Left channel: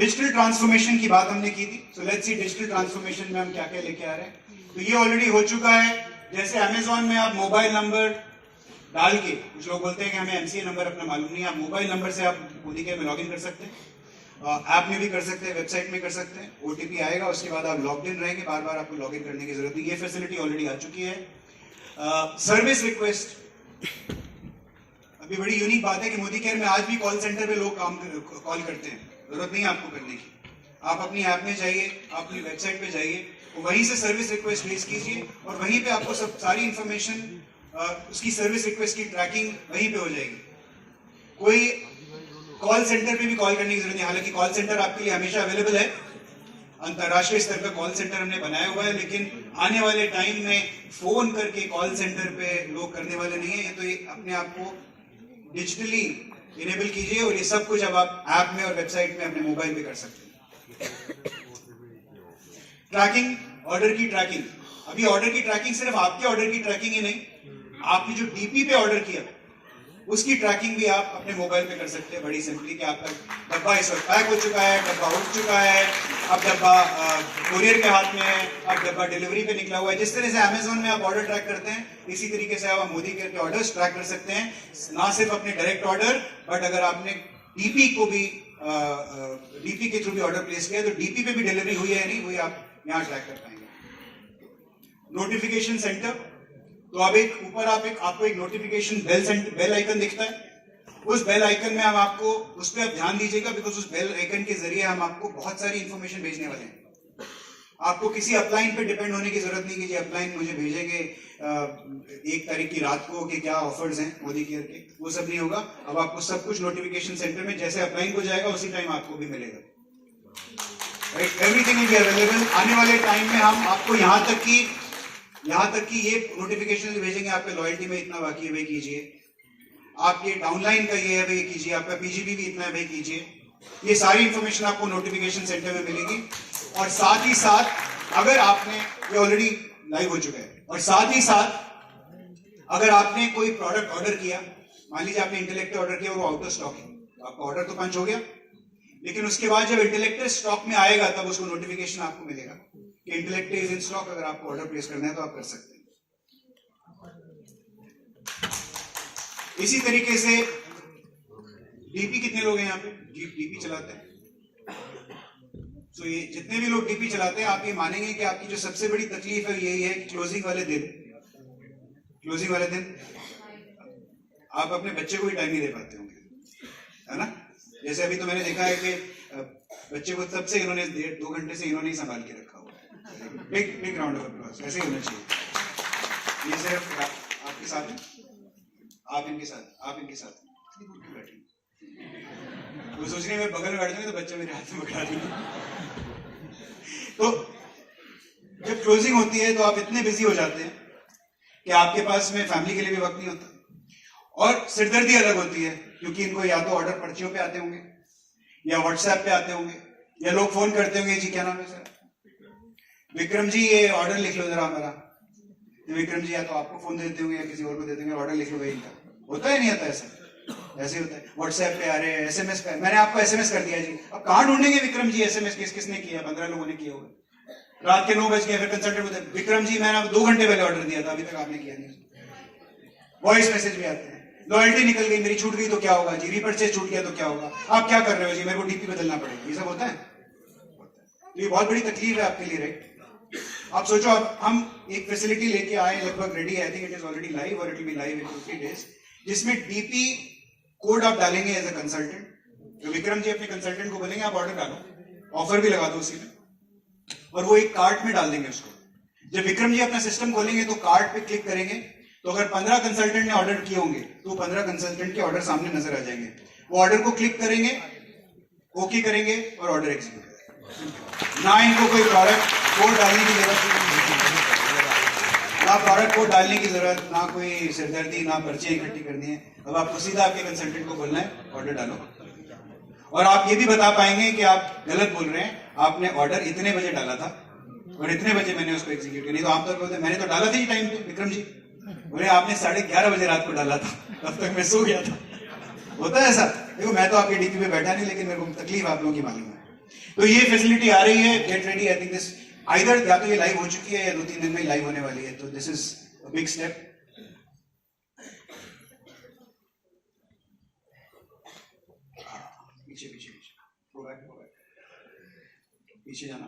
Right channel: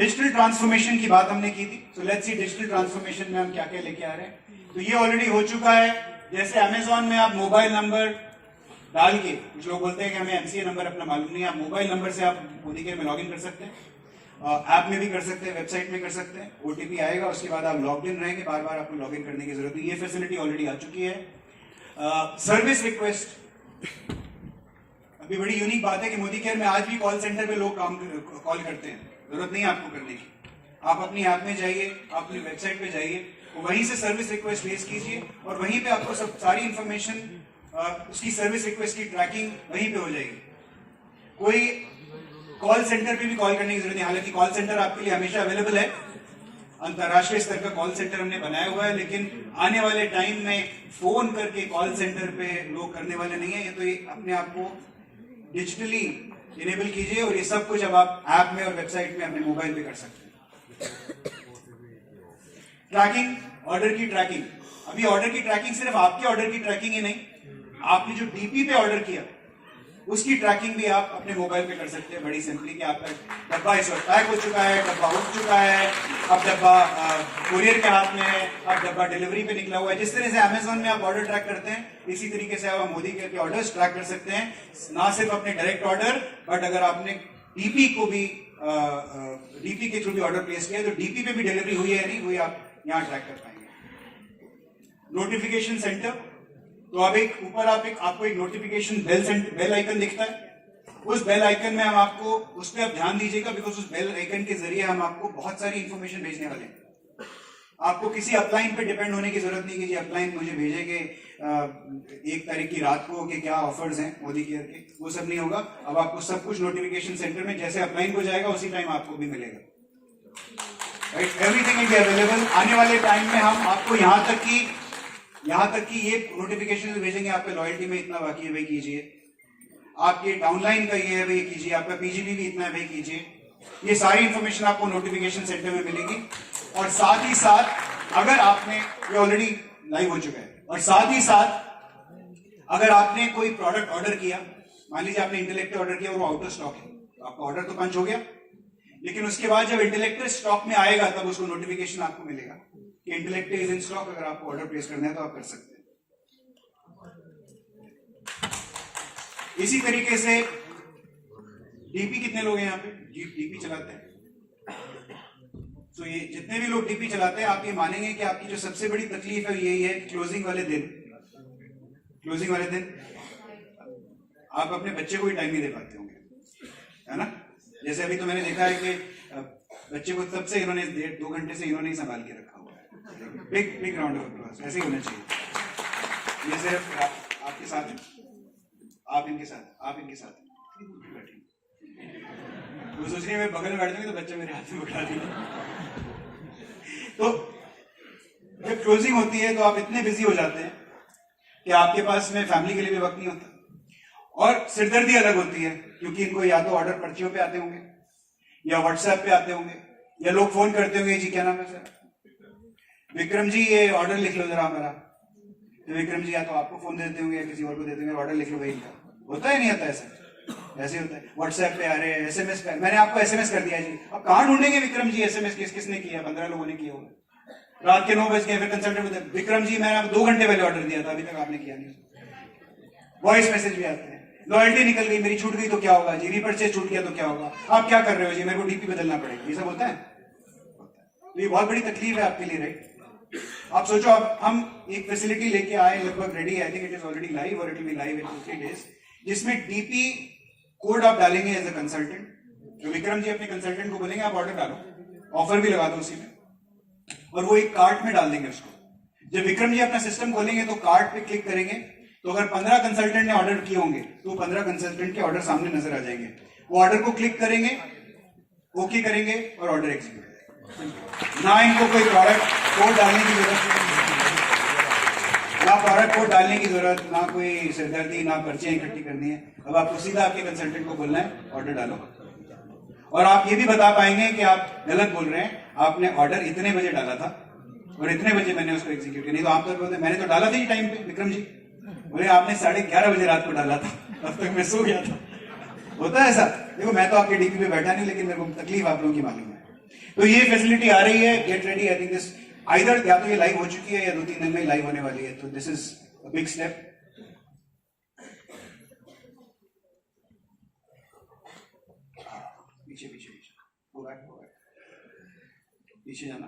Digital transformation की बात हमने की थी, so let's see digital transformation में हम क्या क्या लेके आ रहे हैं। तो ये ऑलरेडी हो चुका है। जैसे अमेजॉन में आप मोबाइल नंबर डाल के, कुछ लोग बोलते हैं कि हमें एमसीए नंबर अपना मालूम नहीं है, आप मोबाइल नंबर से आप मोदी केयर में लॉग इन कर सकते हैं, ऐप में भी कर सकते हैं, वेबसाइट में कर सकते हैं, ओटीपी आएगा, उसके बाद आप लॉग इन रहेंगे, बार बार आपको लॉग इन करने की जरूरत नहीं। ये फैसिलिटी ऑलरेडी आ चुकी है। सर्विस रिक्वेस्ट अभी बड़ी यूनिक बात है कि मोदी केयर में आज भी कॉल सेंटर पे लोग कॉल करते हैं, जरूरत नहीं है आपको करने की। आप अपनी ऐप में जाइए, आप अपनी वेबसाइट पे जाइए, वहीं से सर्विस रिक्वेस्ट भेज कीजिए और वहीं पे आपको सब सारी इंफॉर्मेशन, उसकी सर्विस रिक्वेस्ट की ट्रैकिंग वहीं पे हो जाएगी। कोई कॉल सेंटर पे भी कॉल करने की जरूरत नहीं। हालांकि कॉल सेंटर आपके लिए हमेशा अवेलेबल है, अंतरराष्ट्रीय स्तर का कॉल सेंटर हमने बनाया हुआ है, लेकिन आने वाले टाइम में फोन करके कॉल सेंटर पे लोग करने वाले नहीं है। तो ये अपने आप को डिजिटली इनेबल कीजिए और ये सब कुछ अब आप ऐप में और वेबसाइट में अपने मोबाइल पे कर सकते हैं। ट्रैकिंग, ऑर्डर की ट्रैकिंग। अभी ऑर्डर की ट्रैकिंग सिर्फ आपके ऑर्डर की ट्रैकिंग ही नहीं, आपने जो डीपी पे ऑर्डर किया उसकी ट्रैकिंग भी आप अपने मोबाइल पे कर सकते हैं बड़ी सिंपली, कि आपका डब्बा इस वक्त पैक हो चुका है, डब्बा उठ चुका है, अब डब्बा कोरियर के हाथ में है, अब डब्बा डिलीवरी पे निकला हुआ है। जिस तरह से अमेजोन में आप ऑर्डर ट्रैक करते हैं, इसी तरीके से आप मोदी केयर के ऑर्डर्स ट्रैक कर सकते हैं, ना सिर्फ अपने डायरेक्ट ऑर्डर, बट अगर आपने डीपी को भी डीपी के थ्रू भी ऑर्डर प्लेस किया है तो डीपी पे भी डिलीवरी हुई है या नहीं हुई, आप यहाँ ट्रैक कर पाएंगे। नोटिफिकेशन सेंटर, तो अब ऊपर आपको एक नोटिफिकेशन बेल आइकन दिखता है, उस बेल आइकन में हम आपको उस पर आप ध्यान दीजिएगा, बिकॉज उस बेल आइकन के जरिए हम आपको बहुत सारी इंफॉर्मेशन भेजने वाले हैं। आपको किसी अपलाइन पे डिपेंड होने की जरूरत नहीं कि जी अपलाइन मुझे भेजेंगे 1 तारीख की रात को कि क्या ऑफर्स हैं मोदी केयर के, वो सब नहीं होगा। अब आपको सब कुछ नोटिफिकेशन सेंटर में जैसे अपलाइन को जाएगा उसी टाइम आपको भी मिलेगा, right. Everything will be available. आने वाले टाइम में हम आपको यहाँ तक कि ये नोटिफिकेशन भेजेंगे, आपके लॉयल्टी में इतना बाकी है भाई कीजिए, आपके डाउनलाइन का ये है भाई कीजिए, आपका पीजीडी भी इतना है भाई कीजिए। ये सारी इंफॉर्मेशन आपको नोटिफिकेशन सेंटर में मिलेगी। और साथ ही साथ अगर आपने, ये ऑलरेडी लाइव हो चुका है, और साथ ही साथ अगर आपने कोई प्रोडक्ट ऑर्डर किया, मान लीजिए आपने इंटेलेक्टर ऑर्डर किया और वो आउट ऑफ स्टॉक है, तो आपका ऑर्डर तो पंच हो गया, लेकिन उसके बाद जब इंटेलेक्टर स्टॉक में आएगा तब उसको नोटिफिकेशन आपको मिलेगा कि इंटेलेक्टर इज इन स्टॉक। अगर आपको ऑर्डर प्लेस करना है तो आप कर सकते हैं। इसी तरीके से डीपी, कितने लोग हैं यहाँ पे डीपी चलाते हैं? तो ये जितने भी लोग डीपी चलाते हैं, आप ये मानेंगे कि आपकी जो सबसे बड़ी तकलीफ है यही है कि क्लोजिंग वाले दिन आप अपने बच्चे को भी टाइम नहीं दे पाते होंगे, है ना। जैसे अभी तो मैंने देखा है कि बच्चे को तब से इन्होंने 1.5-2 घंटे से इन्होंने ही संभाल के रखा हुआ है। बिग राउंड ऑफ अप्लॉज, ऐसे ही होना चाहिए। ये सिर्फ आपके साथ है, आप इनके साथ बैठे, वो सोच रही है मैं बगल में बैठ जाऊंगी तो बच्चे मेरे हाथ में पकड़ा देंगे। तो जब क्लोजिंग होती है तो आप इतने बिजी हो जाते हैं कि आपके पास में फैमिली के लिए भी वक्त नहीं होता, और सिरदर्दी अलग होती है, क्योंकि इनको या तो ऑर्डर पर्चियों पे आते होंगे या व्हाट्सएप पे आते होंगे, या लोग फोन करते होंगे, जी क्या नाम है सर, विक्रम जी ये ऑर्डर लिख लो जरा मेरा। तो विक्रम जी या तो आपको फोन देते होंगे या किसी और को देते होंगे, ऑर्डर लिख लो भाई इनका। होता है नहीं होता ऐसा? ऐसे होता है। व्हाट्सएप पे आ रहे हैं, एसएमएस पे, मैंने आपको एसएमएस कर दिया जी, अब कहां ढूंढेंगे विक्रम जी एसएमएस किसने किया? 15 लोगों ने किया होगा। रात के 9 बज गए, फिर कंसल्टेंट बोलते हैं विक्रम जी मैंने 2 घंटे पहले ऑर्डर दिया था, अभी तक आपने किया नहीं। वॉइस मैसेज भी आते हैं, लॉयल्टी निकल गई मेरी, छूट गई तो क्या होगा जी, रीपर्चेज छूट गया तो क्या होगा, आप क्या कर रहे हो जी, मेरे को डीपी बदलना पड़ेगा। ये सब होता है। तो ये बहुत बड़ी तकलीफ है आपके लिए, राइट। आप सोचो, अब हम एक फैसिलिटी लेके आए, लगभग रेडी है, I think it is already live और it will be live in 2-3 days, जिसमें डीपी कोड आप डालेंगे एज अ कंसल्टेंट। जो विक्रम जी अपने कंसल्टेंट को बोलेंगे आप ऑर्डर डालो, ऑफर भी लगा दो उसी में, और वो एक कार्ट में डाल देंगे उसको। जब विक्रम जी अपना सिस्टम खोलेंगे तो कार्ट पे क्लिक करेंगे, तो अगर 15 कंसल्टेंट ने ऑर्डर किए होंगे तो 15 कंसल्टेंट के ऑर्डर सामने नजर आ जाएंगे। वो ऑर्डर को क्लिक करेंगे, ओके करेंगे और ऑर्डर एग्जीक्यूट करेंगे। ना इनको कोई प्रोडक्ट कोड डालने की जरूरत, ना कोई सिरदर्दी, ना पर्चियां इकट्ठी करनी है। अब आपको सीधा आपके कंसल्टेंट को बोलना है ऑर्डर डालो, और आप ये भी बता पाएंगे कि आप गलत बोल रहे हैं, आपने ऑर्डर इतने बजे डाला था और इतने बजे मैंने उसको एग्जीक्यूट किया। नहीं तो आप तो बोलते मैंने तो डाला था ही टाइम पे, विक्रम जी बोले आपने 11:30 बजे रात को डाला था, तब तक मैं सो गया था। होता है ऐसा। देखो मैं तो आपके डीपी पे बैठा नहीं, लेकिन मेरे को तकलीफ आप लोगों की मालूम है। तो ये फैसिलिटी आ रही है, get ready. I think this either या तो ये लाइव हो चुकी है या 2-3 दिन में लाइव होने वाली है, तो this is a big step. पीछे पीछे पीछे, गो बैक, पीछे जाना।